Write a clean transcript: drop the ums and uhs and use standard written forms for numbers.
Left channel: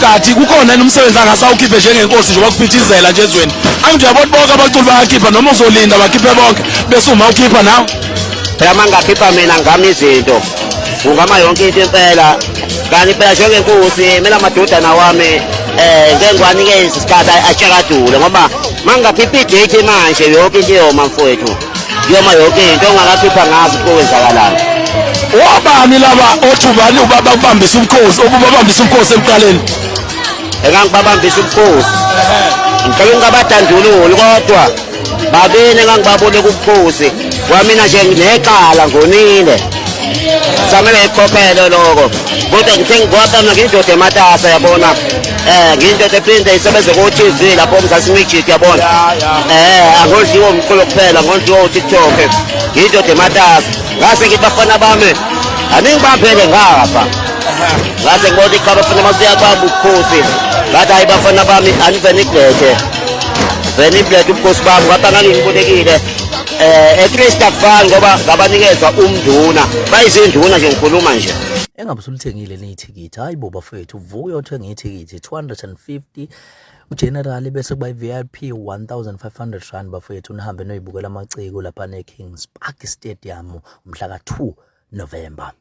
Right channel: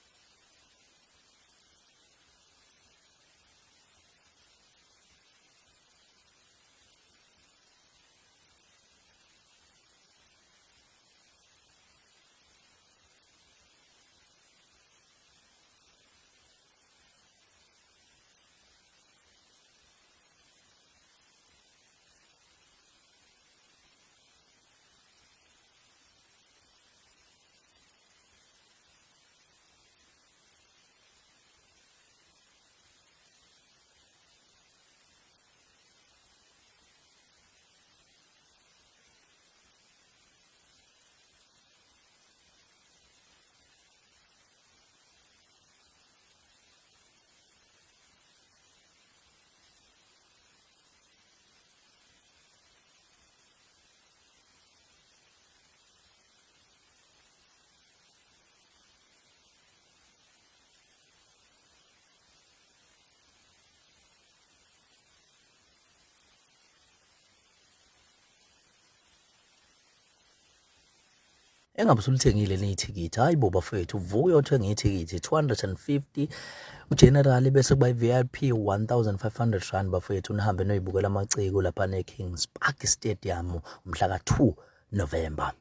uMayogathi kukhona umsebenzi angasawukhiphe njengenkosi nje bakuphithizela nje ezweni angithi uyabona bonke abaculi bayakhipha noma uzolinda bakhiphe bonke bese uma ukhipha nawe phela mangakhipha mina ngami izinto ungama yonke into impela kanti phela njengenkosi mina amadodana wami ngengwanikeza isikhathi atshakadule ngoba mangakhipha idate manje yonke into yoma mfowethu yoma yonke into ongakakhipha ngazi kokwenzakalana wabani laba othubani ubaba kubambisa umkhosi obubabambisa umkhosi emqaleni engangibabambisa umkhosi ngicela ngabadandululi kodwa babene ngangibabone kubukhosi kwamina nje ngineqala ngonile samele ikhokhele lokho kodwa ngithe ngikwapha mina ngindoda ematasa yabona ngindoda ephinde isebenze ku TV lapho uMzansi Magic yabona angondliwa umculo kuphela ngondliwa uTikTok ngindoda ematasa ngase ngibafana bami aningibambele ngapha ngase ngibona ikhaba funa masiya kwabo ukhosi ngathi ayibafana bami aniveniklete veniblet ukhosi bami ngapha ngangibonekile eChrista Fan ngoba ngabanikeza umnduna bayizinduna nje ngikhuluma nje engabe sulithengile nithikithi hayi bo bafethu vuka uthenga ithikithi 250 ugeneral bese kuba iVIP 1500 rand bafethu nihambe noyibukela amaciko lapha neKings Park Stadium umhla ka 2 November.